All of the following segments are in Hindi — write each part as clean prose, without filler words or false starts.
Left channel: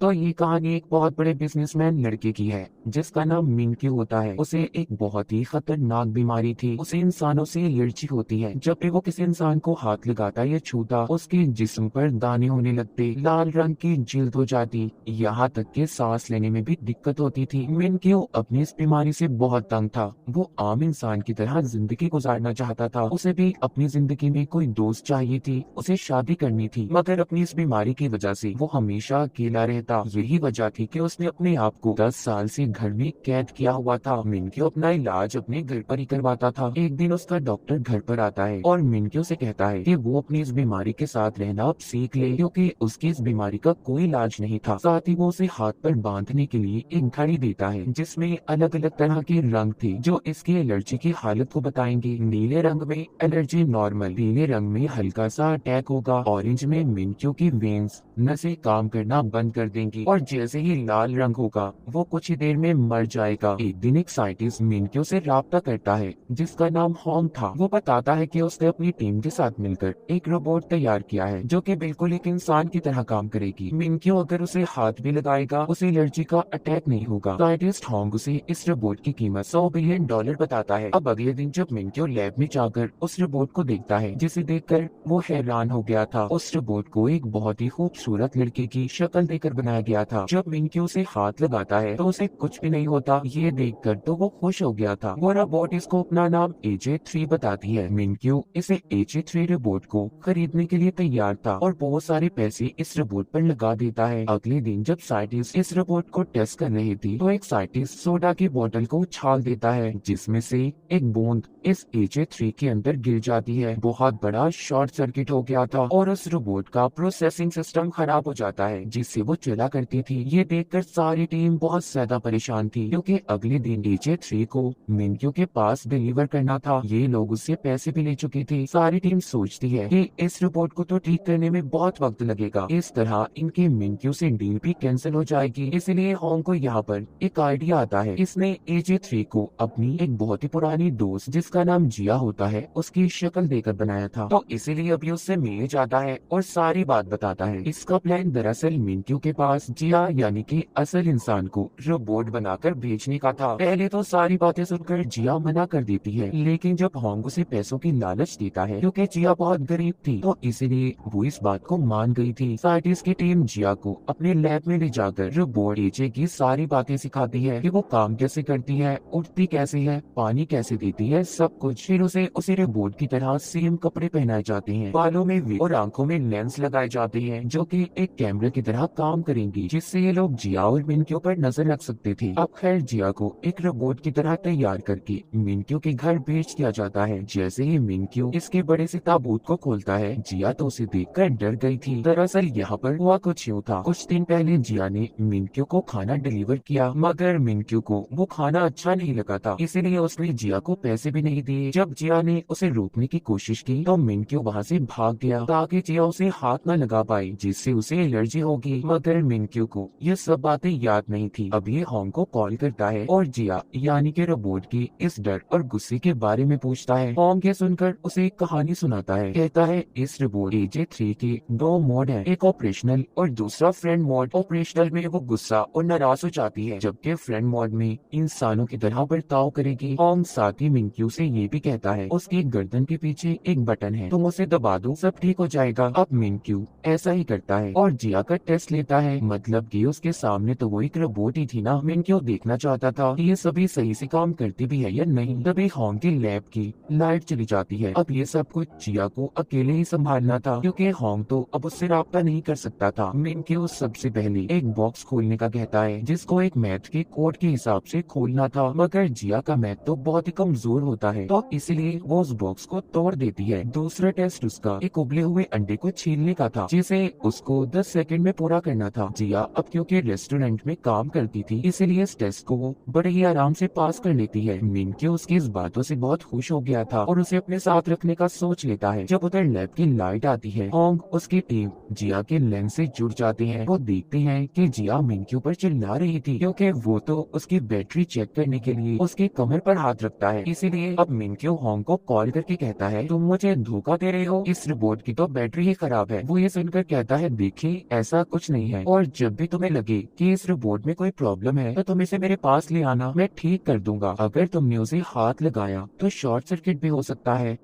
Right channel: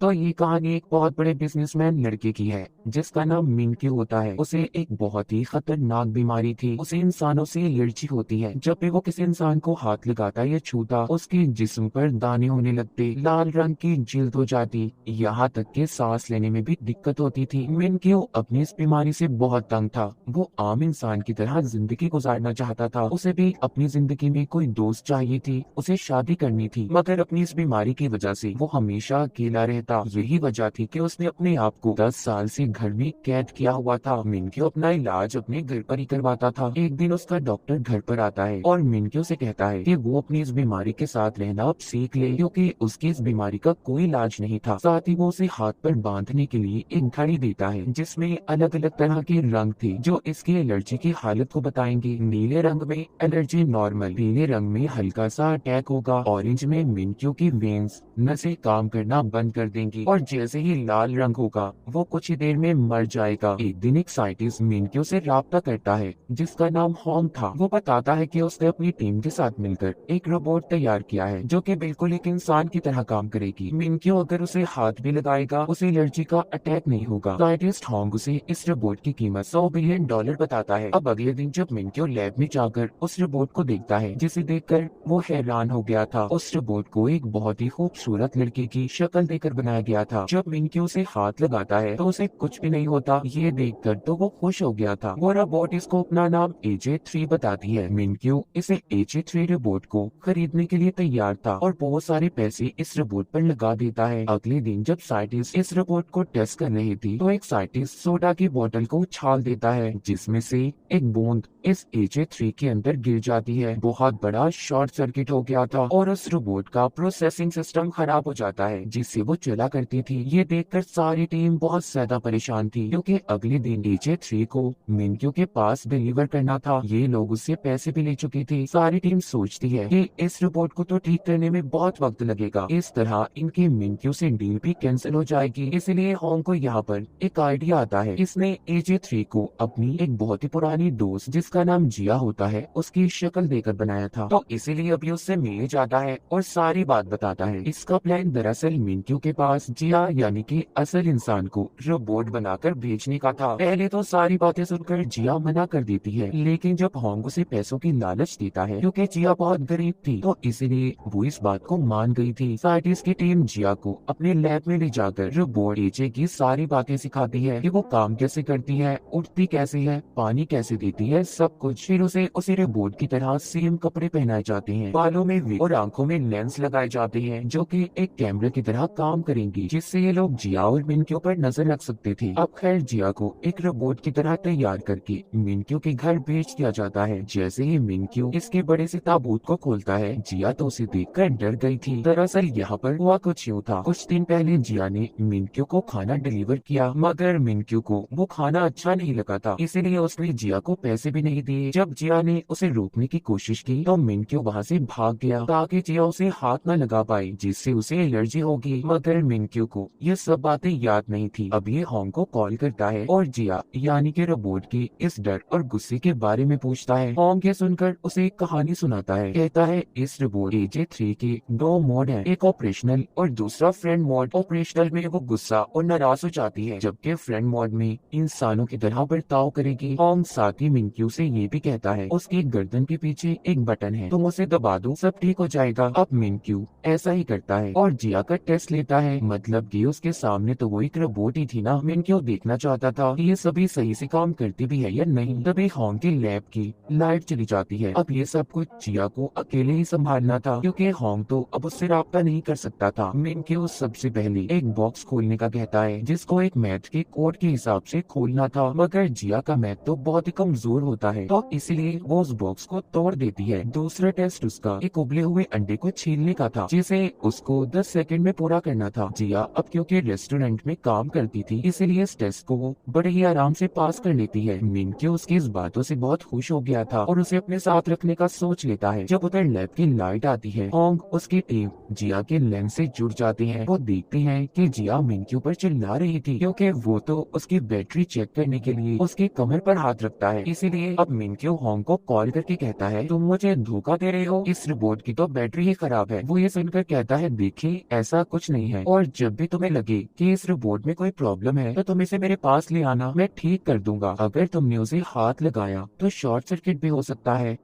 तो ये कहानी एक बहुत बड़े बिजनेसमैन लड़के की है जिसका नाम मिंक्यू होता है। उसे एक बहुत ही खतरनाक बीमारी थी। उसे इंसानों से एलर्जी होती है। जब भी वो किसी इंसान को हाथ लगाता या छूता, उसके जिस्म पर दाने होने लगते, लाल रंग की जिल्द हो जाती, यहाँ तक कि सांस लेने में भी दिक्कत होती थी। मिंक्यू अपनी इस बीमारी से बहुत तंग था। वो आम इंसान की तरह जिंदगी गुजारना चाहता था। उसे भी अपनी जिंदगी में कोई दोस्त चाहिए थी, उसे शादी करनी थी, मगर अपनी इस बीमारी की वजह से वो हमेशा अकेला रहता। यही वजह थी कि उसने अपने आप को 10 साल से घर में कैद किया हुआ था। मिंक्यू अपना इलाज अपने घर पर ही करवाता था। एक दिन उसका डॉक्टर घर पर आता है और मिंक्यू से कहता है कि वो अपनी इस बीमारी के साथ रहना अब सीख ले, क्योंकि उसकी इस बीमारी का कोई इलाज नहीं था। साथ ही वो उसे हाथ पर बांधने के लिए एक घड़ी देता है जिसमें अलग अलग तरह के रंग थे जो इसकी एलर्जी की हालत को बताएंगे। नीले रंग में एलर्जी नॉर्मल, नीले रंग में हल्का सा अटैक होगा, ऑरेंज में मिंक्यू की वेन्स नसें काम करना बंद कर देंगी, और जैसे ही लाल रंग होगा वो कुछ ही देर में मर जाएगा। एक दिन एक साइंटिस्ट मिंक्यू से राब्ता करता है जिसका नाम होंग था। वो बताता है कि उसने अपनी टीम के साथ मिलकर एक रोबोट तैयार किया है जो कि बिल्कुल एक इंसान की तरह काम करेगी। मिंक्यू अगर उसे हाथ भी लगाएगा उसे एलर्जी का अटैक नहीं होगा। साइंटिस्ट होंग उसे इस रोबोट की कीमत $100 बिलियन बताता है। अब अगले दिन जब मिंक्यू लैब में जाकर उस रोबोट को देखता है, जिसे देखकर वो हैरान हो गया था। उस रोबोट को एक बहुत ही खूबसूरत लड़के की शक्ल देकर बनाया गया था। जब मिंक्यू उसे हाथ लगाता है तो उसे कुछ भी नहीं होता। ये देखकर तो वो खुश हो गया था। वो रोबोट इसको अपना नाम AJ3 बताती है। मिंक्यू इसे AJ3 रोबोट को खरीदने के लिए तैयार था और बहुत सारे पैसे इस रोबोट पर लगा देता है। अगले दिन जब साइंटिस्ट इस रोबोट को टेस्ट कर रहे थे तो एक साइंटिस्ट सोडा की बोतल को उछाल देता है जिसमें से एक बूंद इस AJ3 के अंदर गिर जाती है। बहुत बड़ा शॉर्ट सर्किट हो गया था और उस रोबोट का प्रोसेसिंग सिस्टम खराब हो जाता है जिससे वो चला करती थी। ये देखकर सारी टीम बहुत ज्यादा परेशान थी क्योंकि अगले दिन AJ3 को मिंक्यू के पास डिलीवर करना था। ये लोग उससे पैसे भी ले चुके थे। सारी टीम सोचती है कि इस रोबोट को तो ठीक करने में बहुत वक्त लगेगा, इस तरह इनकी मिंक्यू से डील भी कैंसिल हो जाएगी। इसलिए होंग को यहाँ पर एक आइडिया आता है। इसने AJ3 को अपनी एक बहुत ही पुरानी दोस्त जिसका नाम जिया होता है उसकी शक्ल देकर बनाया था, तो इसीलिए अभी उससे मिलने जाता है और सारी बात बताता है। इसका प्लान दरअसल मिंक्यू के पास जिया यानी कि असल इंसान को रोबोट बनाकर भेजने का था। पहले तो सारी बातें सुनकर जिया मना कर देती है, लेकिन जब होंग उसे पैसों की लालच देता है क्योंकि जिया बहुत गरीब थी, तो इसीलिए वो इस बात को मान गई थी। साइंटिस्ट की टीम जिया को अपने लैब में ले जाकर रोबोट एजे की सारी बातें सिखाती है कि वो काम कैसे करती है, उठती कैसे है, पानी कैसे देती है, सब कुछ। फिर उसे रोबोट की तरह सेम कपड़े पहनाए जाते हैं, बालों में भी और आंखों में लेंस लगाए जाते हैं जो कि एक कैमरे की तरह काम करेंगी, जिससे ये लोग जिया और मिंक्यू पर नजर रख सकते थे। अब खैर जिया को एक रोबोट की तरह तैयार करके मिंक्यू के घर भेज दिया जाता है। जैसे ही मिंक्यू इसके बड़े से ताबूत को खोलता है, जिया तो उसे देखकर डर गई थी। दरअसल यहाँ पर हुआ कुछ यूँ था। कुछ दिन पहले जिया ने मिंक्यू को खाना डिलीवर किया, मगर मिंक्यू को वो खाना अच्छा नहीं लगा था, इसीलिए उसने जिया को पैसे भी नहीं दिए। जब जिया ने उसे रोकने की कोशिश की तो मिंक्यू वहाँ से भाग गया ताकि जिया उसे हाथ न लगा पाए, जिससे उसे एलर्जी होगी। मगर मिंक्यू को ये सब बातें याद नहीं थी। अब ये होंग को कॉल करता है और जिया यानी कि रोबोट के इस डर और गुस्से के बारे में पूछता है। होंग ये सुनकर उसे एक कहानी सुनाता है। कहता है इस रोबोट AJ3 के 2 मोड है, एक ऑपरेशनल और दूसरा फ्रेंड मोड। ऑपरेशनल में वो गुस्सा और नाराज हो जाती है, जबकि फ्रेंड मोड में इंसानों की तरह बर्ताव करेगी। होंग साथ ही मिंक्यू से ये भी कहता है उसके गर्दन के पीछे एक बटन है, तुम उसे दबा दो, सब ठीक हो जाएगा। अब मिंक्यू ऐसा ही करता है और जिया का टेस्ट लेता है। मतलब कि उसके सामने तो वो एक रोबोट ही थी ना। मिंक्यू देखना चाहता था कि ये सभी सही से काम करती भी है या नहीं। तभी होंग के लैब की लाइट चली जाती है। अब ये सब कुछ जिया को अकेले ही संभालना था क्योंकि होंग तो अब उससे राब्ता नहीं कर सकता था। मिंक्यू सबसे पहले एक बॉक्स खोलने का कहता है जिसको एक मैथ के कोड के हिसाब से खोलना था, मगर जिया का मैथ तो बहुत ही कमजोर होता है, तो इसलिए वो उस बॉक्स को तोड़ देती है। दूसरा टेस्ट उसका एक उबले हुए अंडे को छीलने का था जिसे उसको 10 सेकंड में पूरा करना था। जिया अब क्योंकि रेस्टोरेंट में काम करती थी इसीलिए इस टेस्ट को वो बड़े ही आराम से पास कर लेती है। मिंक्यू उसकी इस बातों से बहुत खुश हो गया था और उसे अपने साथ रखने का सोच लेता है। जब उधर लैब की लाइट आती है, होंग उसकी टीम जिया के लेंस से जुड़ जाती है। वो देखते हैं कि जिया मिंक्यू पर चिल्ला रही थी क्योंकि वो तो उसकी बैटरी चेक करने के लिए उसके कमर पर हाथ रखता है। इसीलिए अब मिंक्यू होंग को कॉल करके कहता है तुम मुझे धोखा दे रहे हो, इस रोबोट की तो बैटरी ही खराब है। वो ये सुनकर कहता है देखिए ऐसा कुछ नहीं है, और जब भी तुम्हें लगे कि इस रोबोट में कोई प्रॉब्लम है तो तुम इसे मेरे पास ले आना, मैं ठीक कर दूंगा। अगर तुमने उसे हाथ लगाया तो शॉर्ट सर्किट भी हो सकता है।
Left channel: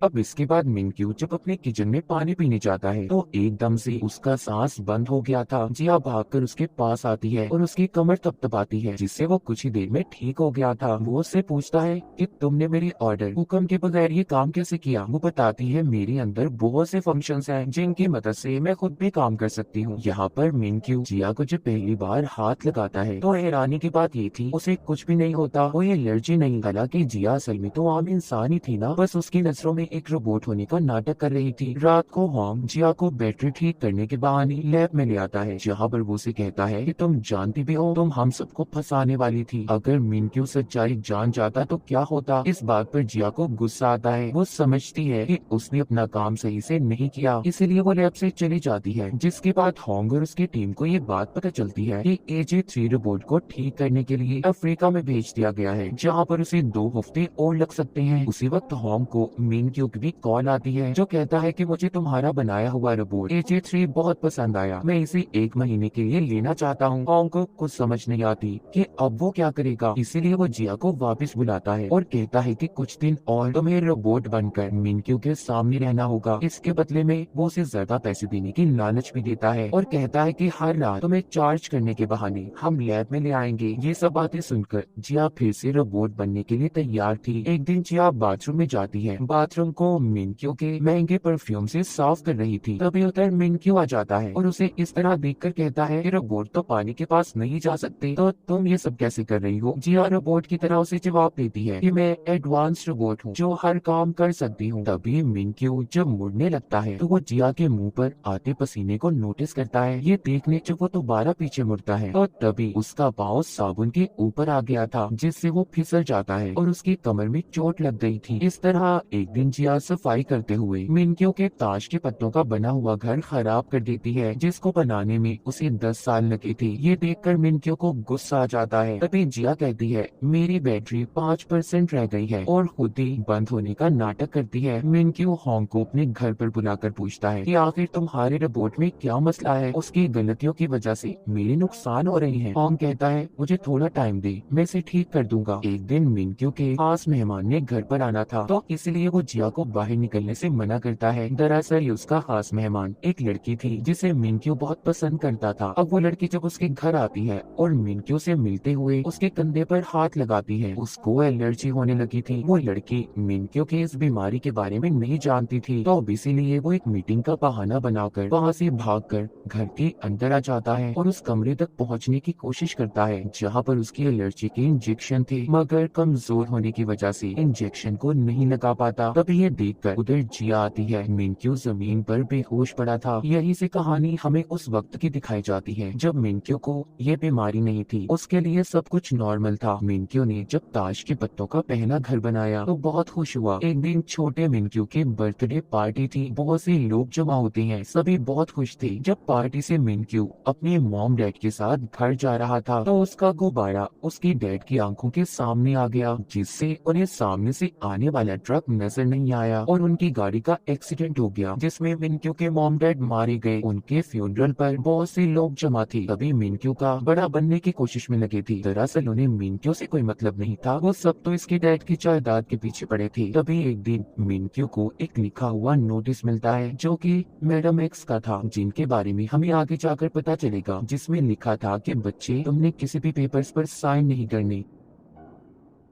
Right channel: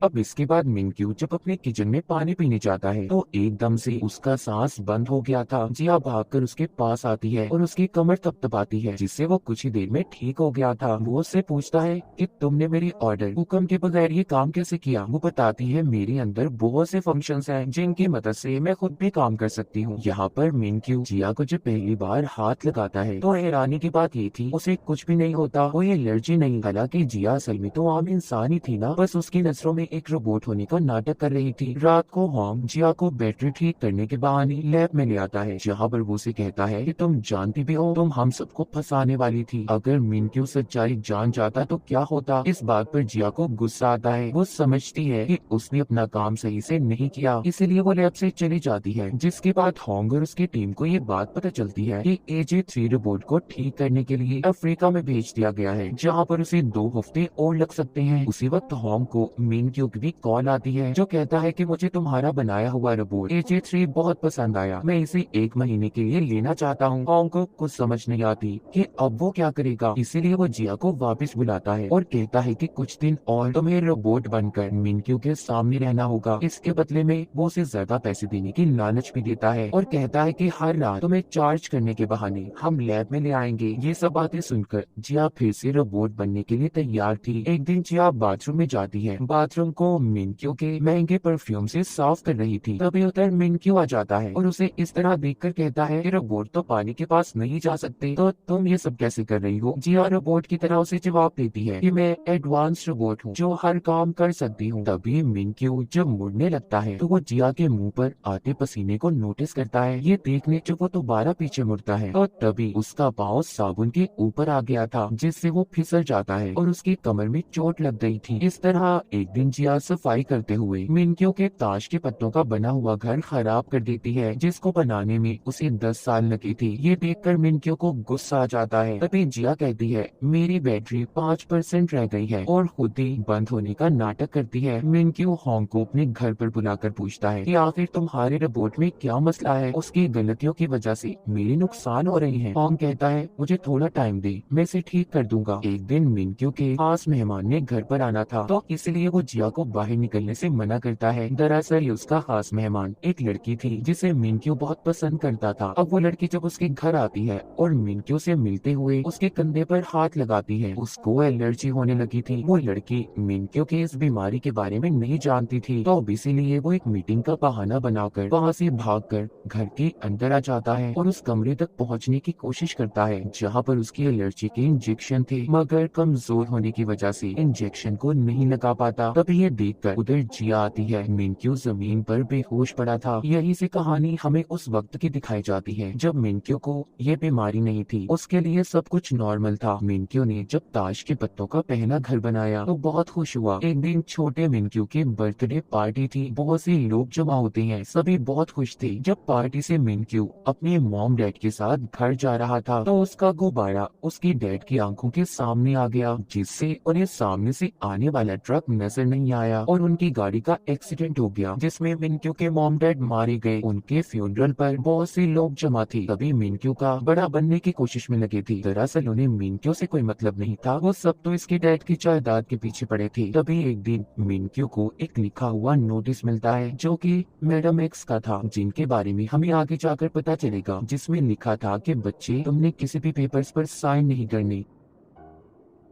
अब इसके बाद मिनक्यू जब अपने किचन में पानी पीने जाता है तो एकदम से उसका सांस बंद हो गया था। जिया भागकर उसके पास आती है और उसकी कमर थपथपाती है, जिससे वो कुछ ही देर में ठीक हो गया था। वो उससे पूछता है कि तुमने मेरी ऑर्डर हुक्म के बगैर ये काम कैसे किया। वो बताती है मेरे अंदर बहुत से फंक्शंस हैं जिनकी मदद से मैं खुद भी काम कर सकती हूँ। यहाँ पर मिनक्यू जिया को जब पहली बार हाथ लगाता है तो हैरानी की बात ये थी उसे कुछ भी नहीं होता, कोई एलर्जी नहीं। हालांकि जिया असल में तो आम इंसान ही थी ना, बस उसकी नजरों में एक रोबोट होने का नाटक कर रही थी। रात को होम जिया को बैटरी ठीक करने के बहाने लैब में ले आता है, जहाँ पर वो उसे कहता है कि तुम जानती भी हो तुम हम सबको फंसाने वाली थी। अगर मिनक्यू सच्चाई जान जाता तो क्या होता। इस बात पर जिया को गुस्सा आता है। वो समझती है कि उसने अपना काम सही से नहीं किया, इसीलिए वो लैब से चली जाती है। जिसके बाद होंग और उसकी टीम को ये बात पता चलती है कि AJ3 रोबोट को ठीक करने के लिए अफ्रीका में भेज दिया गया है, जहाँ पर उसे 2 हफ्ते और लग सकते हैं। उसी वक्त होंग को मिनक्यू की कॉल आती है जो कहता है कि मुझे तुम्हारा बनाया हुआ रोबोट AJ3 बहुत पसंद आया, मैं इसे 1 महीने के लिए लेना चाहता हूँ। होंग को कुछ समझ नहीं आती कि अब वो क्या करेगा, इसीलिए वो जिया को वापस बुलाता है और कहता है कि कुछ दिन और तुम्हें रोबोट बनकर मिनक्यू के सामने रहना होगा। इसके बदले में वो उसे ज्यादा पैसे देने की लालच भी देता है और कहता है कि हर रात तुम्हें चार्ज करने के बहाने हम लैब में ले आएंगे। ये सब बातें सुनकर जिया फिर से रोबोट बनने के लिए तैयार थी। एक दिन जिया बाथरूम में जाती है, बाथरूम को मिनक्यू के महंगे परफ्यूम से साफ कर रही थी। तभी उधर मिनक्यू आ जाता है और उसे इस तरह देखकर कहता है कि रोबोट तो पानी के पास नहीं जा सकते, तो तुम ये सब कैसे कर रही हो। जिया रोबोट की तरह उसे जवाब देती है कि मैं एडवांस रोबोट हूँ जो हर काम कर सकती हूँ। तभी मिनक्यू जब मुड़ने लगता है तो वो जिया के मुंह पर आते पसीने को नोटिस करता है। ये देखने जब वो दोबारा पीछे मुड़ता है तो तभी उसका पाँव साबुन के ऊपर आ गया था, जिससे वो फिसल जाता है और उसकी कमर में चोट लग गई थी। इस तरह एक दिन जिया सफाई करते हुए मिनक्यू के ताश के पत्तों का बना हुआ घर खराब कर देती है, जिसको बनाने में उसे 10 साल लगे थे। ये देखकर मिनक्यू को गुस्सा आ जाता है। तभी जिया कहती है मेरी बैटरी 5% रह गई है और खुद ही बंद होने का नाटक करती है। मिनक्यू होंग को अपने घर पर बुलाकर पूछता है कि आखिर तुम्हारे रोबोट में क्या मसला है, उसकी गलतियों की वजह से मेरे नुकसान हो रही है। होंग कहता है मुझे थोड़ा टाइम दे, मैं इसे ठीक कर दूंगा। एक दिन मिनक्यू के खास मेहमान ने घर पर आना था तो इसलिए वो जिया को बाहर निकलने से मना करता है। दरअसल उसका खास मेहमान एक लड़की थी जिसे मिनक्यू बहुत पसंद करता था। अब वो लड़की जब उसके घर आती है और मिनक्यू से मिलते हुए उसके कंधे पर हाथ लगाती है, उसको एलर्जी होने लगी थी। वो लड़की मिनक्यू की इस बीमारी के बारे में नहीं जानती थी, तो अब इसीलिए वो एक मीटिंग का बहाना बनाकर वहाँ से भागकर घर के अंदर आ जाता है और उस कमरे तक पहुँचने की कोशिश करता है जहाँ पर उसकी एलर्जी के इंजेक्शन थे, मगर कमजोर होने की वजह से इंजेक्शन को नहीं लगा पाता। तभी ये देखकर उधर जिया आती है। मिनक्यू जमीन पर बेहोश पड़ा था। यही से कहानी हमें उस वक्त की दिखाई जाती है जब मिनक्यू को ये बीमारी नहीं थी, उसके लिए सब कुछ नॉर्मल था। मिनक्यू ने जब ताश के पत्तों का पहला घर बनाया तो बहुत खुश हुआ। एक दिन छोटे मिनक्यू की बर्थडे पार्टी थी, बहुत से लोग जमा होते हैं, सभी बहुत खुश थे। जब पार्टी से मिनक्यू अपने मॉम डैड के साथ घर जा रहा था तो उसका गुब्बारा उसकी डैड की आंखों के सामने आ गया, जिससे उन्हें सामने से आने वाला ट्रक नजर नहीं आया और उनकी गाड़ी का एक्सीडेंट हो गया जिसमें मिनक्यू के मॉम डैड मारे गए। उनके फ्यूनरल पर बहुत से लोग जमा थे। तभी मिनक्यू का बड़ा बनने की कोशिश में लगे थे। दरअसल उन्हें मिनक्यू से कोई मतलब नहीं था, वो सब तो इसकी डैड की जायदाद के पीछे पड़े थे। तभी एक दिन मिनक्यू को एक लिखा हुआ नोटिस मिलता है जो कि मैडम एक्स का था, जिनके बारे में हमें आगे जाकर पता चलेगा, जिसमें लिखा था कि बच्चे तुमने किसी भी पेपर्स पर साइन नहीं करने।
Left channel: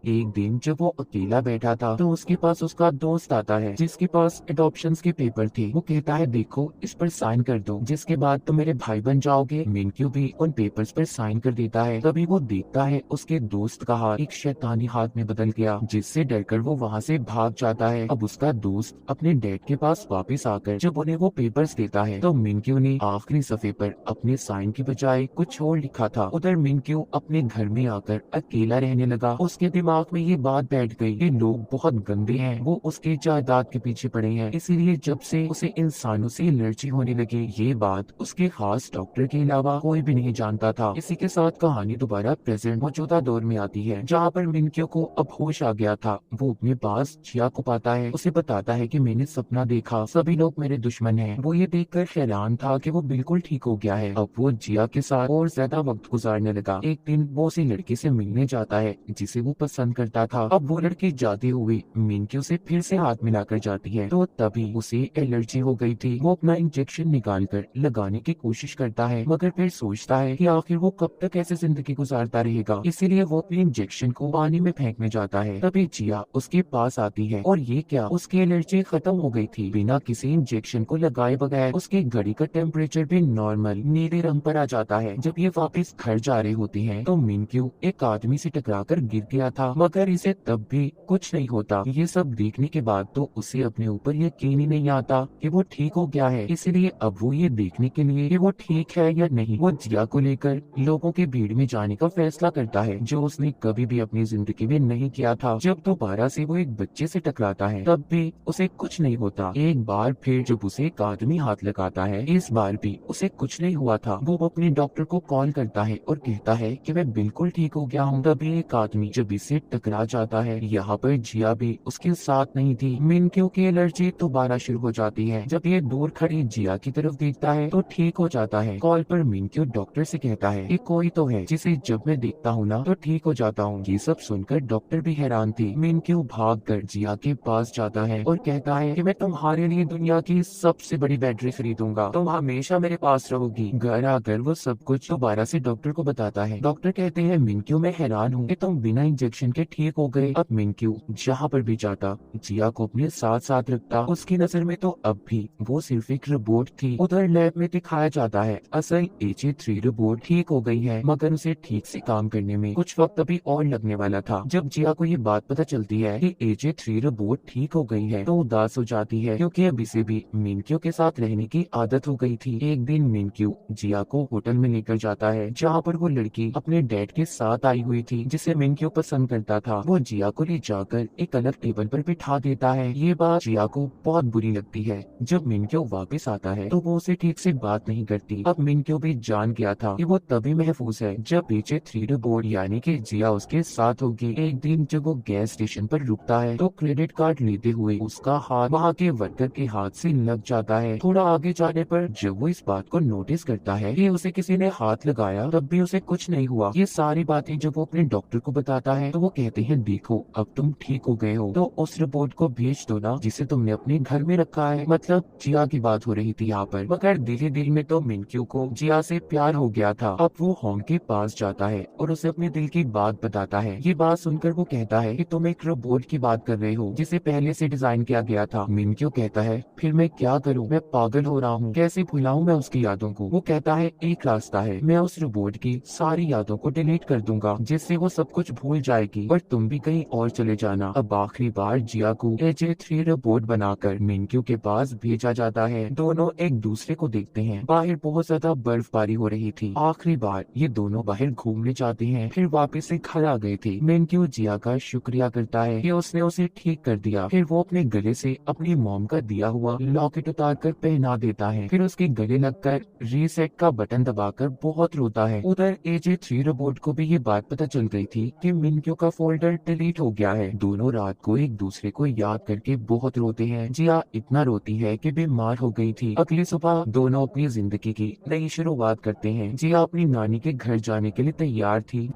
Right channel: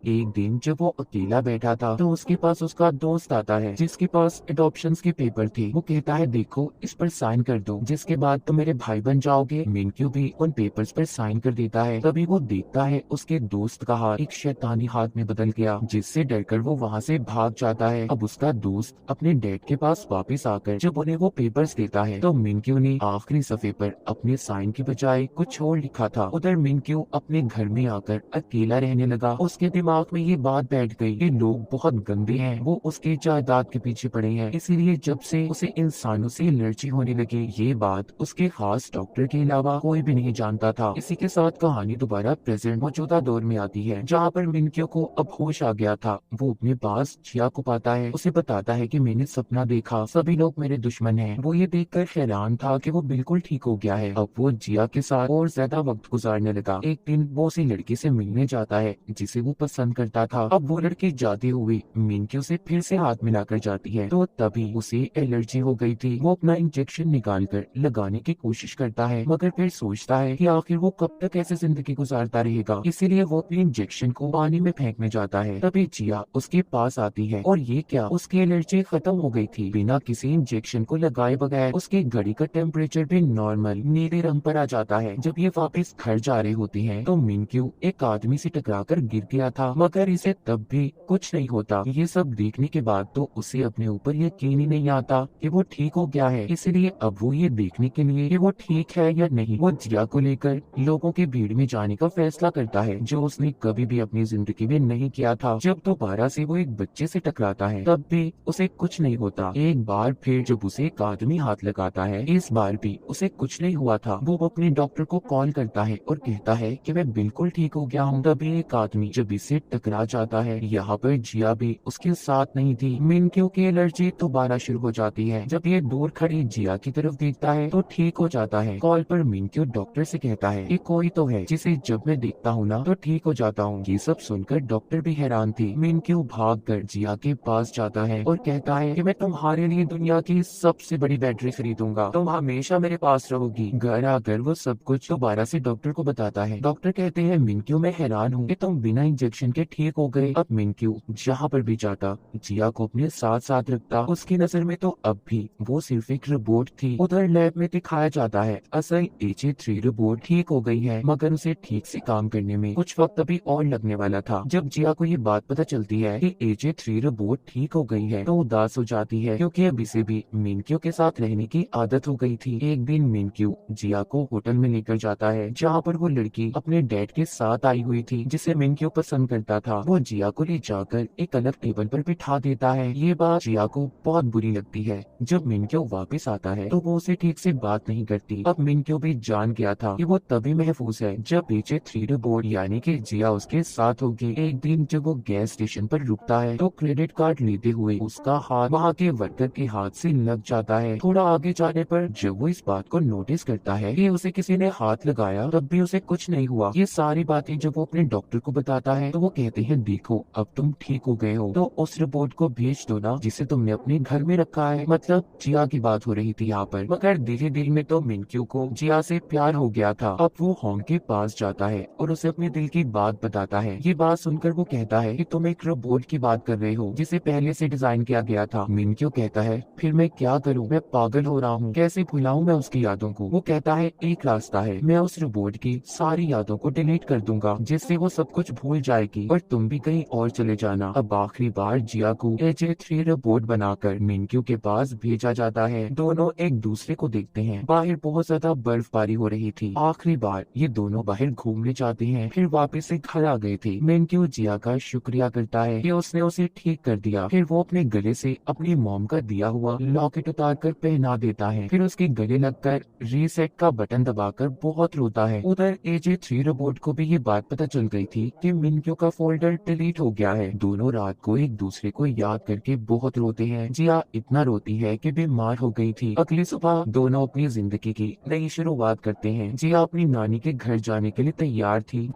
एक दिन जब वो अकेला बैठा था तो उसके पास उसका दोस्त आता है जिसके पास एडॉप्शंस के पेपर थे। वो कहता है देखो इस पर साइन कर दो, जिसके बाद तुम मेरे भाई बन जाओगे। मिनक्यू भी उन पेपर्स पर साइन कर देता है। तभी वो देखता है उसके दोस्त का हाथ एक शैतानी हाथ में बदल गया, जिससे डरकर वो वहाँ से भाग जाता है। अब उसका दोस्त अपने डैड के पास वापस आकर जब उन्हें वो पेपर्स देता है तो मिनक्यू ने आखिरी सफे पर अपने साइन के बजाय कुछ और लिखा था। उधर मिनक्यू अपने घर में आकर अकेला रहने लगा। उसके दिमाग दिमाग में ये बात बैठ गई कि लोग बहुत गंदे हैं, वो उसके जायदाद के पीछे पड़े हैं, इसीलिए जब से उसे इंसानों से एलर्जी होने लगी। ये बात उसके खास डॉक्टर के अलावा कोई भी नहीं जानता था। इसी के साथ कहानी दोबारा प्रेजेंट मौजूदा दौर में आती है, जहाँ पर मिनक्यो को अब होश आ गया था। वो अपने पास जिया को पाता है, उसे बताता है कि मैंने सपना देखा, सभी लोग मेरे दुश्मन हैं। वो ये देखकर हैरान था कि वो बिल्कुल ठीक हो गया है। अब वो जिया के साथ और ज्यादा वक्त गुजारने लगा। एक दिन वो उसी लड़की से मिलने जाता है जिसे वो पसंद करता था। अब वो लड़की जाते हुए मिनक्यो से फिर से हाथ मिलाकर जाती है, तो तभी उसे एलर्जी हो गई थी। वो अपना इंजेक्शन निकाल कर लगाने की कोशिश करता है, मगर फिर सोचता है कि आखिर वो कब तक ऐसे जिंदगी गुजारता रहेगा, इसीलिए वो अपने इंजेक्शन को पानी में फेंकने जाता है। तभी जिया उसके पास आती है और ये क्या, उसकी एलर्जी खत्म हो गई थी। बिना किसी इंजेक्शन को लगाए बगैर उसकी घड़ी का टेम्परेचर भी नॉर्मल नीले रंग पर आ जाता है। जब ये वापस घर जा रहे होते हैं तो मिनक्यू एक आदमी से टकराकर गिर गया था, मगर इसे तब भी कुछ नहीं होता। ये सब देखने के बाद तो उसे अपने ऊपर यकीन ही नहीं आता कि वो ठीक हो गया है, इसीलिए अब वो ये देखने के लिए कि वो ठीक है या नहीं, वो जिया को लेकर लोगों के भीड़ में जाने का फैसला करता है, जो उसने कभी भी अपनी जिंदगी में नहीं किया था। जब दोबारा से वो एक बच्चे से टकराता है तब भी उसे कुछ नहीं होता। एक बार फिर जब उसे एक आदमी हाथ लगाता है, इस बार भी उसे कुछ नहीं हुआ था। वो अपने डॉक्टर को कॉल करता है और कहता है कि मैं बिल्कुल ठीक हो गया हूँ। तभी एक आदमी जब इससे टकरा जाता है, यहाँ पर जिया भी उसके साथ नहीं थी। मिनक्यो की एलर्जी दोबारा शुरू हो जाती है। जब ये दूर खड़ी जिया की तरफ देखता है तो ठीक हो जाता है। कॉल पर मिनक्यो डॉक्टर से कहता है कि कोई तो है जिसे जब मैं देखता हूँ ना तो ठीक हो जाता हूँ। ये सब सुनकर डॉक्टर भी हैरान थे। मिनक्यो भाग कर जिया के पास जाता है और कहता है कि मैं तुम्हारे लिए दुनिया की सबसे बड़ी बैटरी खरीदूंगा, तुम हमेशा मेरे पास रहोगी। घर आकर वो सब कुछ दोबारा से डॉक्टर को बताता है। डॉक्टर कहते हैं मिनक्यो मैं हैरान हूँ कि तुम बिना इंजेक्शन के ठीक हो गए। अब मिनक्यो जहाँ पर भी जाता जिया को अपने साथ साथ रखता। उसकी नजर में तो अब भी वो सिर्फ एक रोबोट थी। उधर लैब में दिखाया जाता है असल AJ3 रोबोट ठीक हो गई है, मगर उसे ठीक से काम करने में कुछ वक्त अभी और लगने वाला था। जब जिया को ये बात पता चलती है कि AJ3 रोबोट ठीक हो गई है तो उदास हो जाती है, क्योंकि अब इसे भी मिनक्यो के साथ रहने की आदत हो गई थी। एक दिन मिनक्यो जिया को होटल में लेकर जाता है, जहाँ पर वो लड़की अपने डैड के साथ आई हुई थी जिसे मिनक्यो पसंद करता था। वो जिया को ले जाकर एक अलग टेबल पर बिठा देता है। ये बात जिया को बहुत बुरी लगती है। जब मिनक्यो वापस आता है तो वो उसे ठीक से बात नहीं करती। अब मिनक्यो भी जान गया था कि वो तभी महफूज है जब AJ3 रोबोट यानी कि जिया उसके साथ होगी। एक दिन जब वो गैस स्टेशन पर रुकता है तो क्रेडिट कार्ड लेते हुए उसका हाथ वहाँ के वर्कर के हाथ से लग जाता है। थोड़ा आगे जाने पर जब वो इस बात को नोटिस करता है कि उसे किसी ने हाथ लगाया, तब भी उसे कुछ नहीं हुआ। ये सारी बातें जब वो अपने डॉक्टर को बताता है तो वो कहते हैं देखो अब तुम ठीक हो गए हो, तो उस रोबोट को भेज दो ना जिसे तुमने अपने घर में रखा है। मतलब जिया की बात हो रही थी यहाँ पर, मगर दिल ही दिल में तो मिनक्यो को जिया से प्यार हो गया था। अब वो होंग के पास जाता है और उसे अपने दिल की बात बताता है। ये बात सुनकर वो कहता है कि तुम एक रोबोट की बात कर रहे हो जिसे पहले से डिजाइन किया गया था। मिनक्यो कहता है फिर मैं क्या करूँ, मैं पागल हो रहा हूँ, कैसे भुलाऊं मैं उसकी यादों को। वो कहता है एक रास्ता है, मैं उस रोबोट की सारी यादों को डिलीट कर दूंगा जिससे वो सब कुछ भूल जाएगी और तुम भी कहीं और चले जाना। अब आखिरी बार जिया को AJ3 रोबोट बनाकर मिनक्यो के पास भेजा जाता है। दोनों एक दूसरे को देखते हैं। बाहर बहुत ज्यादा बर्फबारी हो रही थी। आखिरी बार ये दोनों बाहर घूमने जाते हैं, फिर वापस से घर आ गए थे। मिनक्यो जिया का शुक्रिया करता है कि उसने उसे ठीक कर दिया। फिर वो अपने गले से अपनी मॉम का दिया हुआ लॉकेट उतार कर पहना देता है। फिर उसके गले लगकर रीसेट का बटन दबाकर बहुत रोता है। उधर AJ3 रोबोट को भी ये बात पता चल गई थी कि मिनक्यो का फोल्डर डिलीट हो गया है। दोनों रात को एक दूसरे को याद करके बहुत रोते हैं। जिया इतना रोती है कि बीमार हो गई थी। अगली सुबह दोनों अपनी जिंदगी की नई शुरुआत करते हैं। जिया अपनी नानी के घर जाने के लिए तैयार थी।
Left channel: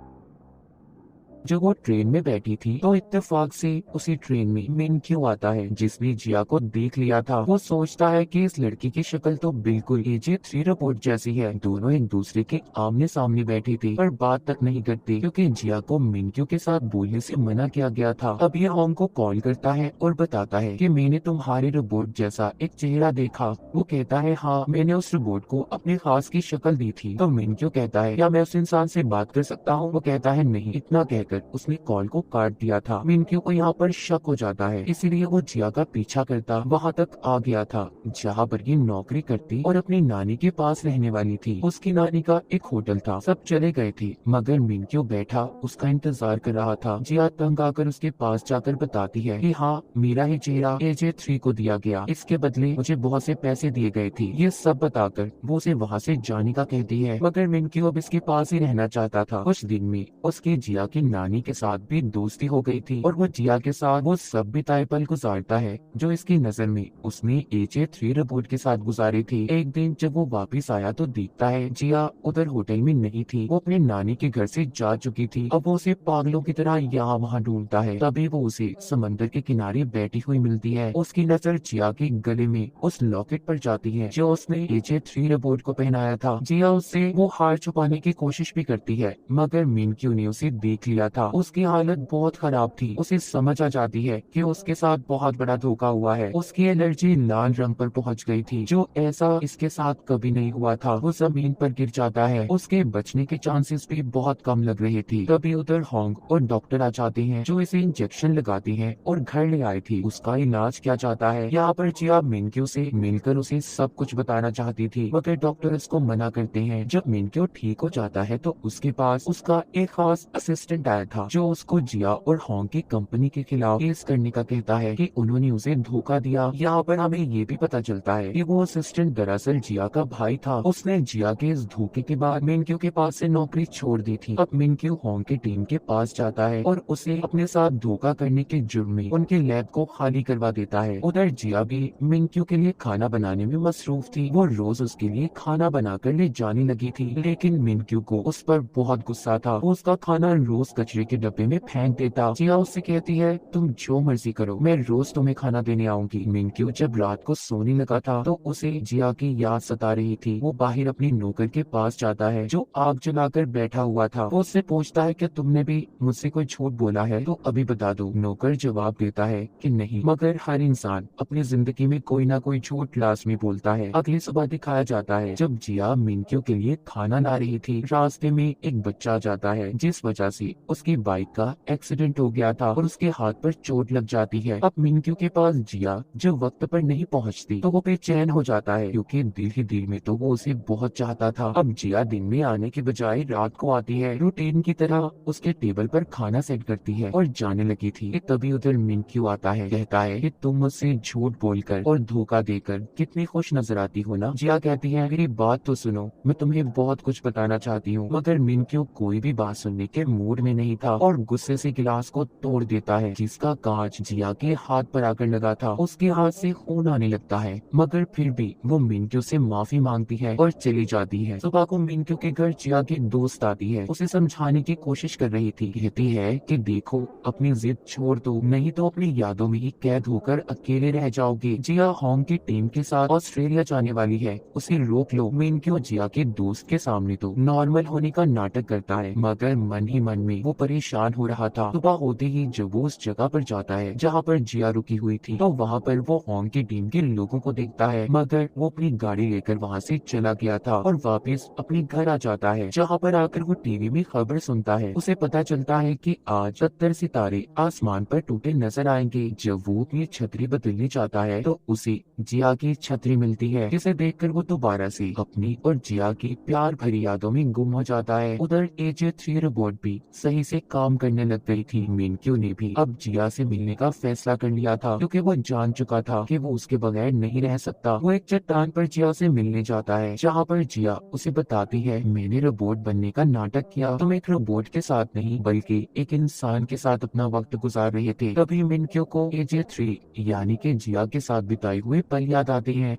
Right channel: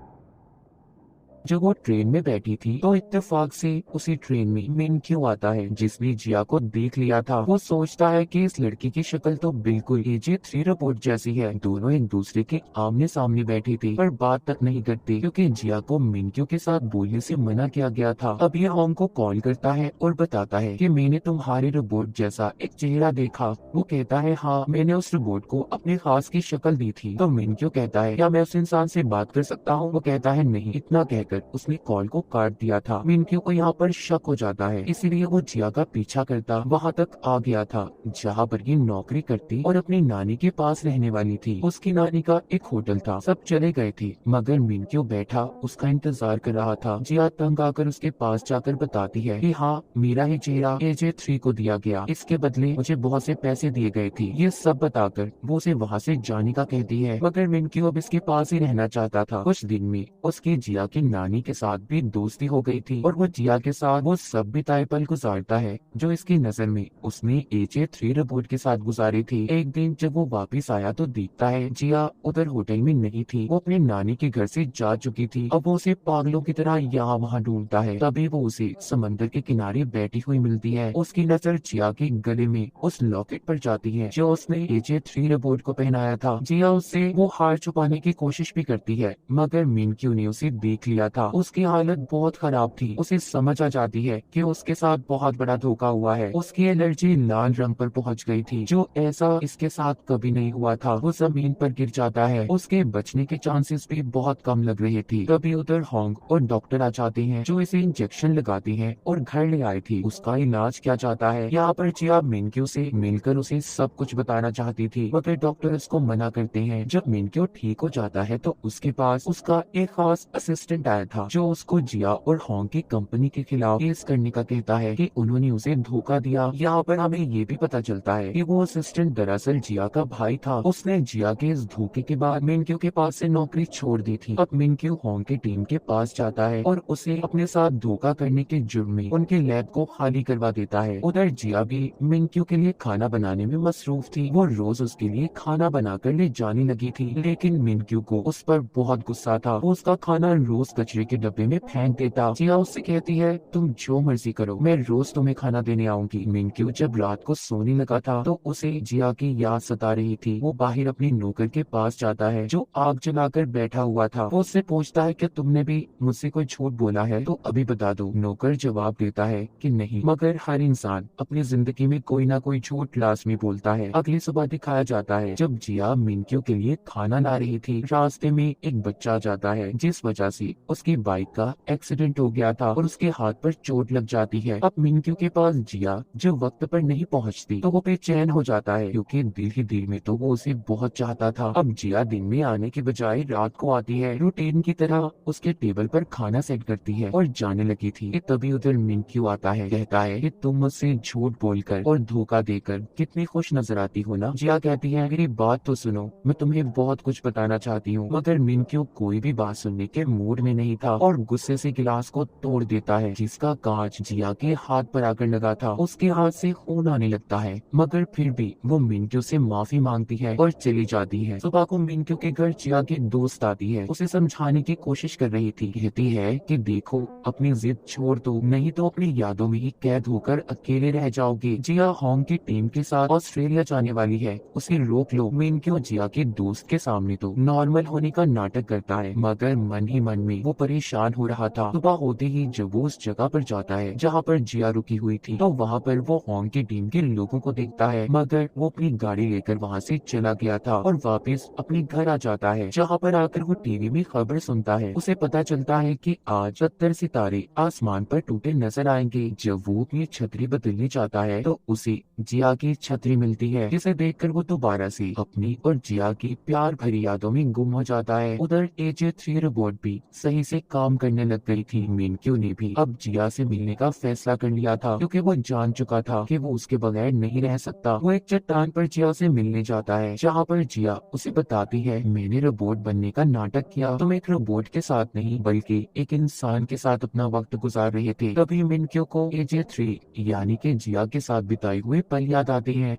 जब वो ट्रेन में बैठी थी तो इत्तेफाक से उसी ट्रेन में मिनक्यो आता है जिसने जिया को देख लिया था। वो सोचता है कि इस लड़की की शक्ल तो बिल्कुल AJ3 रोबोट जैसी है। दोनों एक दूसरे के आमने सामने बैठे थे पर बात तक नहीं करते, क्योंकि जिया को मिनक्यो के साथ बोलने से मना किया गया था। अब ये होंग को कॉल करता है और बताता है कि मैंने तुम्हारे रोबोट जैसा एक चेहरा देखा। वो कहता है हाँ, मैंने उस रोबोट को अपने खास की शक्ल दी थी। तो मिनक्यो कहता है क्या मैं उस इंसान से बात कर सकता हूँ। वो कहता है नहीं। इतना कहकर जानकर उसने कॉल को काट दिया था। मिनक्यू को यहाँ पर शक हो जाता है, इसीलिए वो जिया का पीछा करता वहाँ तक आ गया था जहाँ पर ये नौकरी करती और अपनी नानी के पास रहने वाली थी। उसकी नानी का एक होटल था, सब चले गए थे मगर मिनक्यू बैठा उसका इंतजार कर रहा था। जिया तंग आकर उसके पास जाकर बताती है कि हाँ, मेरा ही चेहरा AJ3 को दिया गया, इसके बदले मुझे बहुत से पैसे दिए गए थे। ये सब बताकर वो उसे वहाँ से जाने का कहती है मगर मिनक्यू अब इसके पास ही रहना चाहता था। कुछ दिन में उसकी जिया की नानी के साथ भी दोस्ती हो गई थी और वो जिया के साथ वो सब बिताए पल गुजारता है जो इसकी नजर में उसने AJ3 रिपोर्ट के साथ गुजारी थी। एक दिन जब वो वापस आया तो देखता है जिया उधर होटल में नहीं थी, वो अपने नानी के घर से जा चुकी थी। अब वो उसे पागलों की तरह यहाँ वहाँ ढूंढता है। तभी वो उसे समंदर के किनारे बैठी हुई मिलती है। उसकी नजर जिया के गले में उस लॉकेट पर जाती है जो उसने AJ3 रिपोर्ट को पहनाया था। जिया उससे वो हार छुपाने की कोशिश भी करती है मगर मिनक्यू ने उसे देख लिया था। उसकी हालत बहुत खराब थी, उसे समझ आ जाती है कि उसके साथ बहुत बड़ा धोखा हुआ है। उसकी एलर्जी लाल रंग पर पहुंच गई थी जो ऐसा इसके साथ कभी नहीं हुआ था। वो जमीन पर गिर जाता है, उसके बचने के चांसेस भी बहुत कम लग रहे थे। तभी उधर होंग और डॉक्टर आ जाते हैं जो इसे इंजेक्शन लगाती है और घर ले आए थी। उसका इलाज किया जाता है। यहाँ पर जिया मिनक्यू से मिलकर उसे सब कुछ बताना चाहती थी मगर डॉक्टर उसको मना करते हैं। जब मिनक्यू ठीक हो जाता है तो उसके पास उसका एक खास असिस्टेंट आया था जो उसको जिया और होंग की कंपनी के खिलाफ केस करने का कहता है कि उन्होंने उसे धोखा दिया। यहाँ पर हमें ये भी पता चलता है कि वो असिस्टेंट दरअसल जिया का भाई था। उसने जिया के इस धोखे के बाद मिनक्यू के पास से नौकरी छोड़ दी थी। अब मिनक्यू होंग की टीम के पास जाता है और उसे अपने साथ धोखा करने के जुर्म में उनके लैब को खाली करवा देता है। उधर जिया भी मिनक्यू के लिए खाना बनाने में मसरूफ थी। वो रोज उसके लिए खाना बनाकर ले जाने लगी थी लेकिन मिनक्यू को उस पर बहुत गुस्सा था। वो उसका खाना रोज कचरे के डब्बे में फेंक देता। जिया उससे कहती है तुम जो मर्जी करो, मैं रोज तुम्हें खाना देने आऊंगी। मिनक्यू जब रात को सोने लगा था तो उसे जिया की याद सता रही थी। वो बाहर अपने नौकर के पास जाता है जो आग जलाकर बैठा हुआ था। वो उससे पूछता है कि तुमने भी मुझसे कोई झूठ बोला है तो अभी बता दो। नौकर जवाब देता है कि नहीं, मगर हर इंसान अपनी जिंदगी में कोई ना कोई झूठ लाजमी बोलता है। अगली सुबह दिखाया जाता है जब जिया मिनक्यू के लिए खाना ला रही थी, रास्ते में एक बच्चा आ जाता है जिस वजह से उसकी बाइक का एक्सीडेंट हो गया था और उसके हाथ पर चोट लग जाती है। अब मिनक्यू के पास जिया जो वक्त पर नहीं पहुंचती तो वो बेचैन हो जाता है क्योंकि दिल ही दिल में तो वो उसे बहुत चाहता था। अब जिया दिन में आने के बजाय रात को आती है, रूटीन की तरह उसके टेबल पर खाना सेट करती है और जाने लगी थी। तभी उधर मिनक्यू आता है, कहता है कि तुम मुझसे झूठ बोलकर और धोखा देकर कितनी खुश नजर आती हो ना। जिया कहती है मेरी बात तो सुनो, मैं तुम्हें बहुत कुछ बताना चाहती हूँ। मगर मिनक्यू कोई भी बात सुनने के मूड में नहीं था और गुस्से से गिलास को तोड़ देता है जिसका कांच जिया के हाथ पर आकर लगा था। उसके हाथ से खून आने लगता है मगर फिर भी वो मिनक्यू से माफी मांगती है और चली जाती है। सुबह को मिनक्यू के घर जिया की दोस्त आती है, उसे समझाने की कोशिश कर रही थी। कहती है कि देखो अपनी जिद छोड़ दो, नहीं तो अपनी यादों में ही कैद होकर अकेले रह जाओगे। जिया होंग की टीम के साथ ऑस्ट्रेलिया जाने वाली है, उसे रोक लो। मिनक्यू जिया के दोस्त के सामने तो नॉर्मल होने का नाटक करता है मगर मन ही मन में वो परेशान हो रहा था। सुबह होते ही जब वो उस जगह पर जाता है जहाँ पर जिया रुकी हुई थी तो वहाँ पर वो होंग की टीम के लोगों को देखता है मगर वो अपनी गाड़ी लेकर वहाँ से चला गया था और वापस अपने घर आ जाता है। जहाँ पर आकर वो टीवी में खबर सुनता है। उसे पता चलता है कि आज 70 सितारे आसमान पर टूटे नजर आएंगे। जब वो अपनी छतरी बदलने चाहता है तो उसे जिया की छतरी मिलती है जिसे देखकर वो दोबारा से अपनी और जिया की प्यार भरी यादों में गुम हो जाता है। उधर AJ3 रोबोट भी सही से काम करने लग गई थी। मिनक्यू ने भी अब जिया से मिलने का फैसला कर लिया था क्योंकि वो जान चुका था कि वो उसके बगैर नहीं रह सकता। वो एक चट्टान पर जिया से मिलने जाता है जहाँ पर जिया उसे बताती है मैंने रोबोट बनने का नाटक किया, तुम एक रोबोट के साथ नहीं बल्कि एक इंसान के साथ अपना वक्त गुजार रहे थे। तभी मिनक्यू को AJ3 यानी कि जिया के साथ बिताए हुए पल याद आते हैं।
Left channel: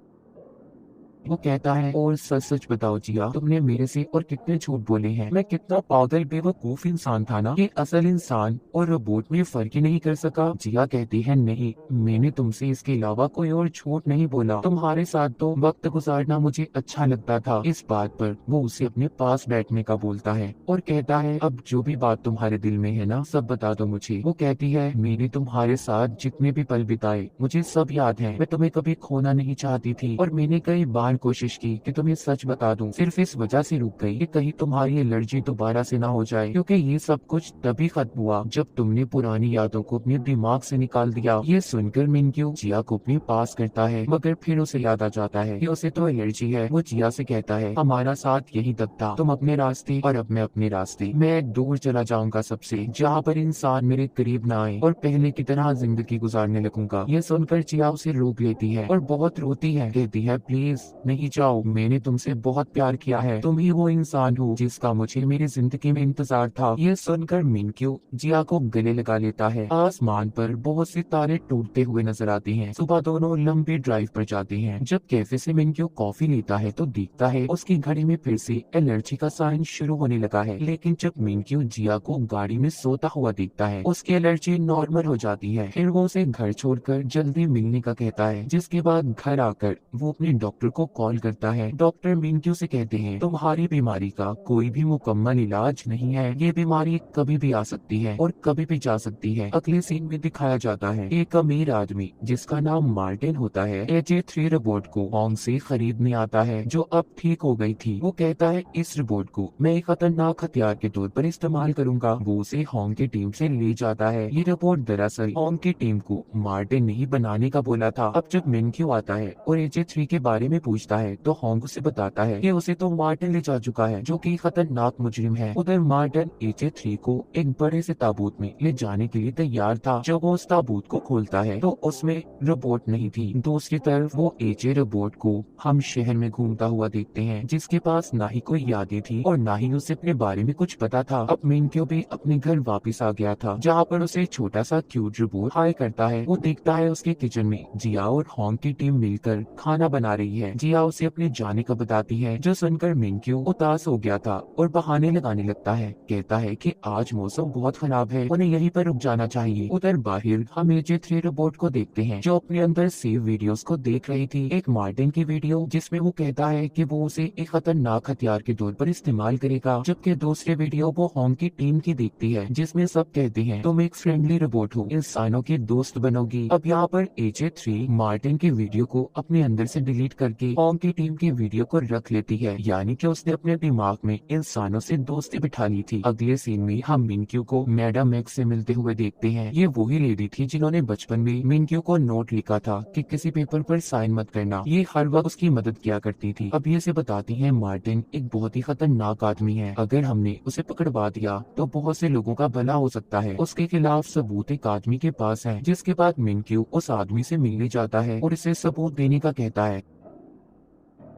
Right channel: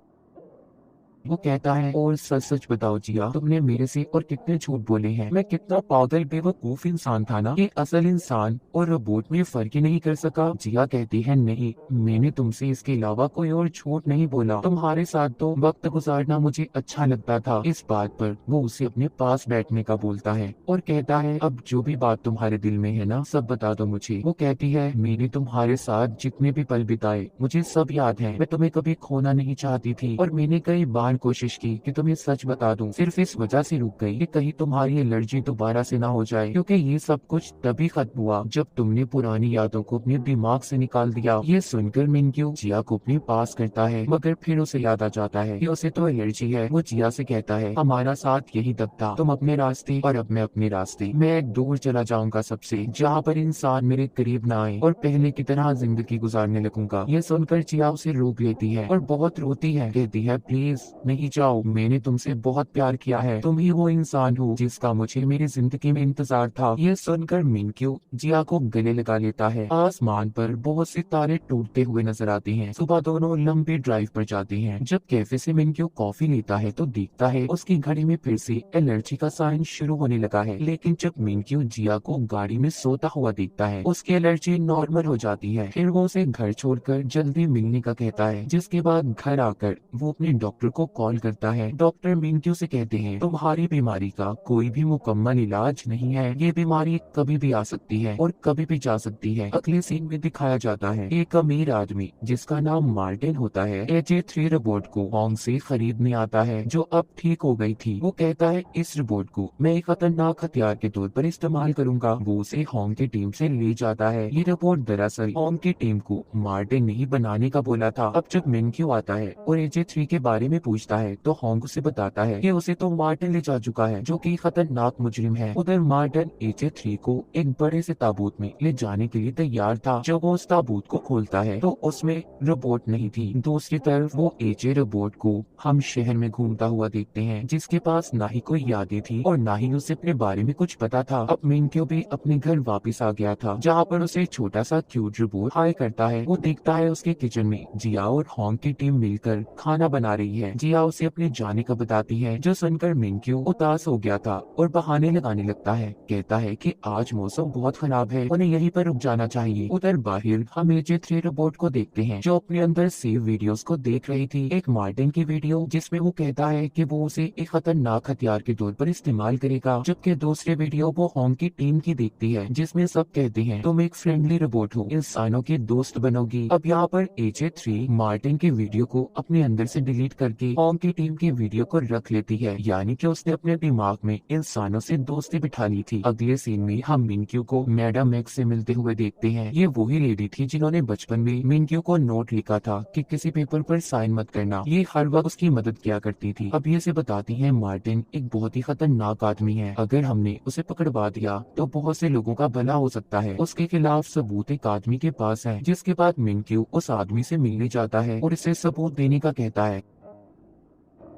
वो कहता है और सच सच बताओ जिया, तुमने मेरे से और कितने झूठ बोले हैं। मैं कितना पागल बेवकूफ इंसान था ना, ये असल इंसान और रोबोट में फर्क ही नहीं कर सका। जिया कहती है नहीं, मैंने तुमसे इसके अलावा कोई और झूठ नहीं बोला। तुम्हारे साथ तो वक्त गुजारना मुझे अच्छा लगता था। इस बात पर वो उसे अपने पास बैठने का बोलता है और कहता है अब जो भी बात तुम्हारे दिल में है ना सब बता दो मुझे। वो कहती है मैंने तुम्हारे साथ जितने भी पल बिताए मुझे सब याद है। मैं तुम्हें कभी खोना नहीं चाहती थी और मैंने कई बार बार कोशिश की कि तुम्हें सच बता दूं, सिर्फ इस वजह से रुक गई कि कहीं तुम्हारी एलर्जी दोबारा से ना हो जाए, क्योंकि ये सब कुछ तभी खत्म हुआ जब तुमने पुरानी यादों को अपने दिमाग से निकाल दिया। ये सुनकर मिनक्यू जिया को अपने पास करता है, मगर फिर उसे याद आ जाता है कि उसे तो एलर्जी है। वो जिया से कहता है, हमारा साथ यही तक था, तुम अपने रास्ते और अब मैं अपने रास्ते। मैं दूर चला जाऊंगा सबसे, जहाँ पर इंसान मेरे करीब ना आए, और पहले की तरह जिंदगी गुजारने लगूंगा। ये सुनकर जिया उसे रोक लेती है और बहुत रोती है, कहती है, प्लीज नहीं जाओ, मैंने तुमसे बहुत प्यार किया है, तुम ही वो इंसान हो जिसका मुझे मेरी जिंदगी में इंतजार था। ये सुनकर मिनक्यू जिया को गले लगा लेता है। आसमान पर बहुत से तारे टूटते हुए नजर आते हैं। सुबह दोनों लंबी ड्राइव पर जाते हैं। जब कैफे से मिनक्यू कॉफी लेता है तो देखता है उसकी घड़ी में फिर से एलर्जी का साइन शुरू होने लगा है। लेकिन जब मिनक्यू जिया को गाड़ी में सोता हुआ देखता है, उसकी एलर्जी नॉर्मल हो जाती है। फिर वो उसे घर छोड़कर जल्दी मिलने का कहता है, जिसके बाद घर आकर वो अपने डॉक्टर को कॉल करता है। डॉक्टर मिनक्यू से कहते हैं, तुम्हारी बीमारी का कोई भी मुकम्मल इलाज नहीं है, ये बीमारी कभी भी आ सकती है और कभी भी जा सकती है। अगले सीन में दिखाया जाता है एक अमीर आदमी जिसका नाम मार्टिन होता है, AJ3 रोबोट को होंग से खरीदने आता है, जो अब ठीक हो गई थी। वो कहता है, इस रोबोट को मैं एक खतरनाक हथियार के तौर पर इस्तेमाल करूंगा। वो उसे होंग की टीम से ले जाता है। ये रोबोट दरअसल होंग की टीम को मार्टिन ने ही बनाने का बोला था। अब जब मिनक्यू आता है और AJ3 के बारे में पूछता है तो होंग उसे बताता है कि उसे तो मार्टिन ले जा चुका है, जो कि खतरनाक मुजरिम है। उधर मार्टिन AJ3 को एक बड़े से ताबूत में ले जाने के लिए तैयार था। जब वो उस ताबूत को खोलता है तो उसमें रोबोट नहीं थी। दूसरी तरफ वो AJ रोबोट को हम शहर में घूमता हुआ देखते हैं, जिसके पास ना ही कोई यादें थी और ना ही उसे अपने बारे में कुछ पता था। अब मिनक्यू भी अपने घर वापस आ गया था, जहाँ पर उसे छोटा सा क्यूट रोबोट हाय करता है। वो देखता है उसके किचन में जिया और होंग की टीम मिलकर खाना बना रही है। जिया उसे अपने जाने का बताती है, जो सुनकर मिनक्यू उदास हो गया था और बहाने लगाने लगता है। कहता है कि आज मौसम बहुत खराब है, उन्हें यहीं पर रुक जाना चाहिए। उधर बाहर हम AJ3 रोबोट को देखते हैं, जो अपने अंदर सेव वीडियोस को देख रही थी। एक मार्टिन की वीडियो जिसमें वो कहता है कि वो उसे एक खतरनाक हथियार के तौर पर इस्तेमाल करेगा, जबकि दूसरी वीडियो वो होंग की टीम की देखती है, जिसमें सब कहते हैं, तुम एक फ्रेंडली रोबोट हो, इंसानों के दोस्त बनोगी। अब यहाँ पर AJ3 मार्टिन के वीडियो को अपने अंदर से डिलीट करके होंग की टीम के वीडियो को रख लेती है, यानी कि उसने अपने दिमाग में इंसानों से दोस्ती बिठा ली थी। अगले सीन में हम मिनक्यू को मैडम एक्स से मिलते हुए देखते हैं। ये वही लेडी थी जिन्होंने बचपन में मिनक्यू को नोट लिखा था कि किसी पेपर पर साइन मत करना। ये हर वक्त उसकी मदद किया करती थी। अब ये से बताती है, मार्टिन एक बहुत ही खतरनाक आदमी है, अगर हमने उसे पकड़वा दिया तो बहुत से लोगों का भला हो सकता है। उसके खिलाफ सबूत एक आदमी के पास है। जिसके बाद मिनक्यू उस आदमी से मिलने जाता है और इसे सबूत देने का कहता है,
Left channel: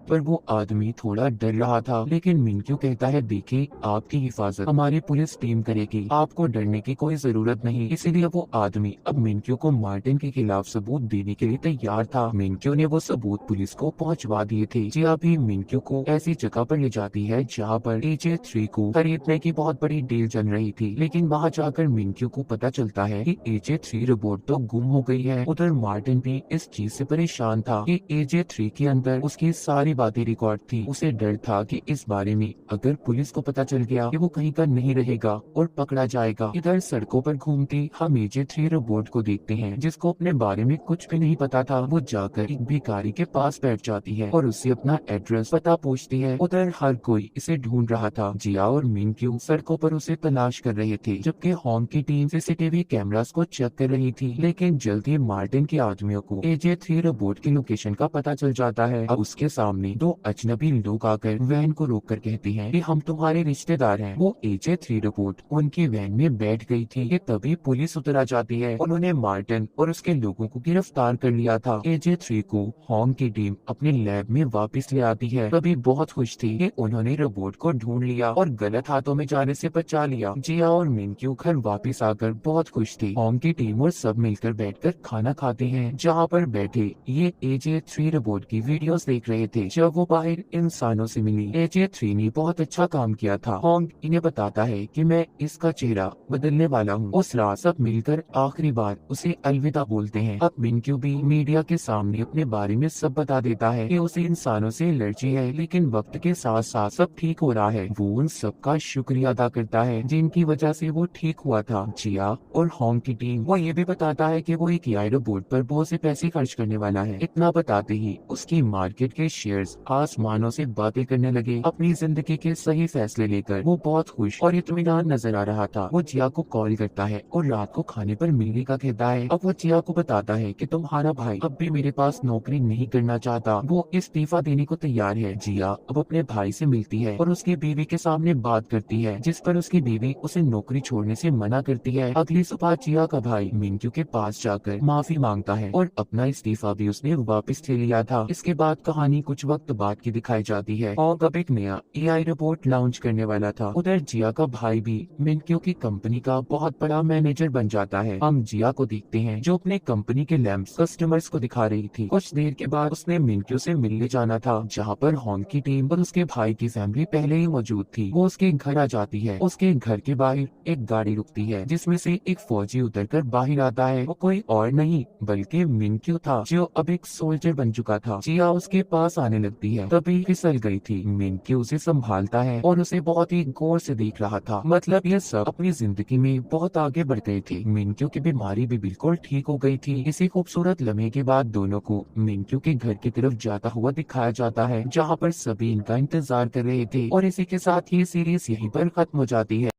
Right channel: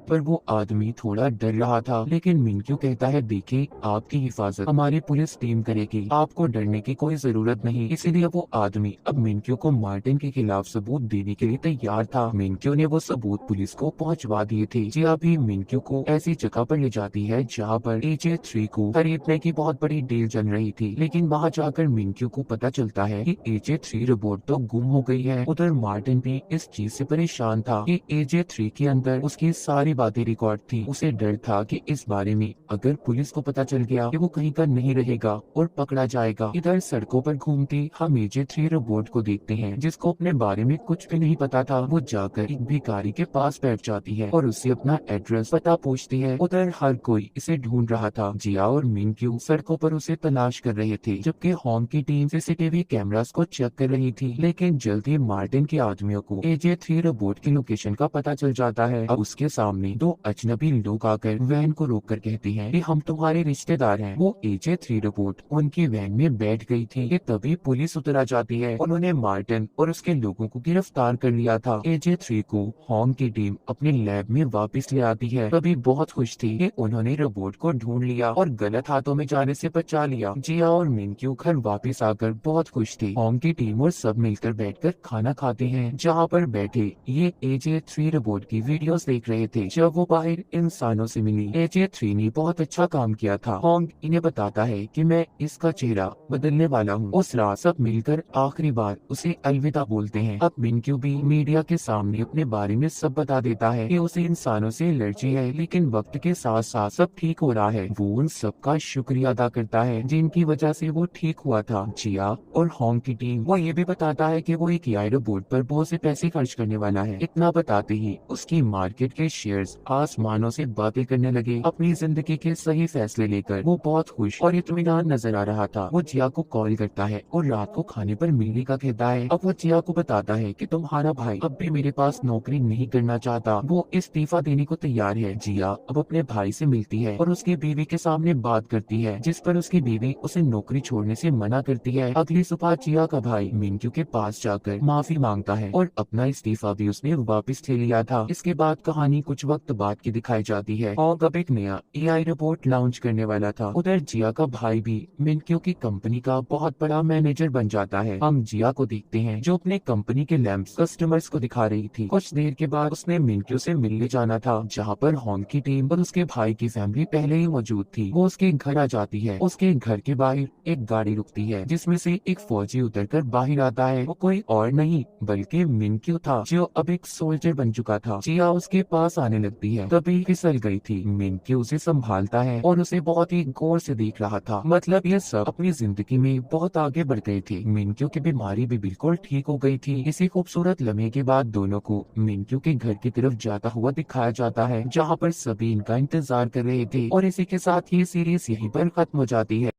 पर वो आदमी थोड़ा डर रहा था। लेकिन मिनक्यू कहता है, देखिए, आपकी हिफाजत हमारी पुलिस टीम करेगी, आपको डरने की कोई जरूरत नहीं। इसीलिए वो आदमी अब मिनक्यू को मार्टिन के खिलाफ सबूत देने के लिए तैयार था। मिनक्यू ने वो सबूत पुलिस को पहुंचवा दिए थे। जी अभी मिनक्यू को ऐसी जगह पर ले जाती है जहाँ पर AJ3 को खरीदने की बहुत बड़ी डील चल रही थी। लेकिन वहाँ जाकर मिनक्यू को पता चलता है कि AJ3 रोबोट तो गुम हो गई है। उधर मार्टिन भी इस चीज से परेशान था कि AJ3 के अंदर उसकी सारी बातें रिकॉर्ड थी। उसे डर था कि इस बारे में अगर पुलिस को पता चल गया कि वो कहीं का नहीं रहेगा और पकड़ा जाएगा। इधर सड़कों पर घूमते हम AJ3 रोबोट को देखते हैं, जिसको अपने बारे में कुछ भी नहीं पता था। वो जाकर एक भिखारी के पास बैठ जाती है और उससे अपना एड्रेस पता पूछती है। उधर हर कोई इसे ढूंढ रहा था। जिया और मिनक्यू सड़कों पर उसे तलाश कर रहे थे, जबकि होंग की टीम CCTV कैमरास को चेक कर रही थी। लेकिन जल्दी मार्टिन के आदमियों को AJ3 रोबोट की लोकेशन का पता चल जाता है। अब उसके सामने दो अजनबी लोग आकर वैन को रोककर कहते हैं कि हम तुम्हारे रिश्तेदार हैं। वो AJ3 रोबोट उनकी वैन में बैठ गई थी कि तभी पुलिस उतर आ जाती है। उन्होंने मार्टिन और उसके लोगों को गिरफ्तार कर लिया था। AJ3 को होंग की टीम अपने लैब में वापस ले आती है। तभी बहुत खुश थी कि उन्होंने रोबोट को ढूंढ लिया और गलत हाथों में जाने से बचा लिया। जिया और मिनक्यू घर वापस आकर बहुत खुश थे। होंग की टीम और सब मिलकर बैठकर खाना खाते हैं, जहाँ पर बैठे ये AJ3 रोबोट की वीडियोस देख रहे थे। जब वो बाहर इंसानों से मिली, AJ3 ने बहुत अच्छा काम किया था। होंग इन्हें बताता है कि मैं इसका चेहरा बदलने वाला हूँ। उस रात सब मिलकर आखिरी बार उसे अलविदा बोलते हैं। अब मिनक्यू भी मीडिया के सामने अपने बारे में सब बता देता है कि उसे इंसानों से एलर्जी है, लेकिन वक्त के साथ साथ सब ठीक हो रहा है। वो उन सबका शुक्रिया अदा करता है जिनकी वजह से वो ठीक हुआ था। जिया और होंग की टीम वो ये भी बताता है कि वो एक AI रोबोट पर बहुत से पैसे खर्च करने वाला है। इतना बताते ही उसकी मार्केट के शेयर टीनेजर्स आसमानों से बातें करने लगे। अपनी जिंदगी के सही फैसले लेकर वो बहुत खुश और इत्मीनान नजर आ रहा था। वो जिया को कॉल करता है और रात को खाने पर मिलने का कहता है। अब वो जिया को बताता है कि तुम्हारा भाई अब भी मेरे पास नौकरी नहीं करना चाहता, वो इस्तीफा देने को तैयार है। जिया अब अपने भाई से मिलती है और उसकी बीवी के सामने बात करती है, जिस पर उसकी बीवी उसे नौकरी छोड़ने से मना करती है। अगली सुबह जिया का भाई मिंक्यू के पास जाकर माफी मांगता है और अपना इस्तीफा भी उसने वापस ले लिया था। इसके बाद कहानी कुछ वक्त बाद की दिखाई जाती है। होंग अब एक नया AI रोबोट लॉन्च करने वाला था। उधर जिया का भाई भी मिंक्यू की कंपनी का बहुत बड़ा मैनेजर बन जाता है। हम जिया को देखते हैं जो अपने कंपनी के लैंप्स कस्टमर्स को दिखा रही थी। कुछ देर के बाद उसने मिंक्यू से मिलने जाना था, जहाँ पर होंग की टीम और उसके भाई की फैमिली पहले ही मौजूद थी। वो उसके घर आ जाती है। उसके घर के बाहर एक गाड़ी रुकती है, जिसमें से एक फौजी उतरकर बाहर आता है। वो कोई और नहीं बल्कि मिंक्यू था, जो अब एक सोल्जर बन चुका था। जिया उसके पास आने लगती है, तभी फिसल गई थी। मिंक्यू उसे संभालता है और उसे बहुत ही गौर से देख रहा था। मतलब ये सब अपनी जिंदगी में बहुत आगे बढ़ गए थे। मिंक्यू की बीमारी भी बिल्कुल ठीक हो गई थी। इसी खूबसूरत लम्हे के बाद दोनों को मिंक्यू के घर की तरफ जाता हुआ दिखाया जाता है, जहाँ पर सभी इनका इंतजार कर रहे थे। और इसी के साथ ये सीरीज यहीं पर खत्म हो जाती है।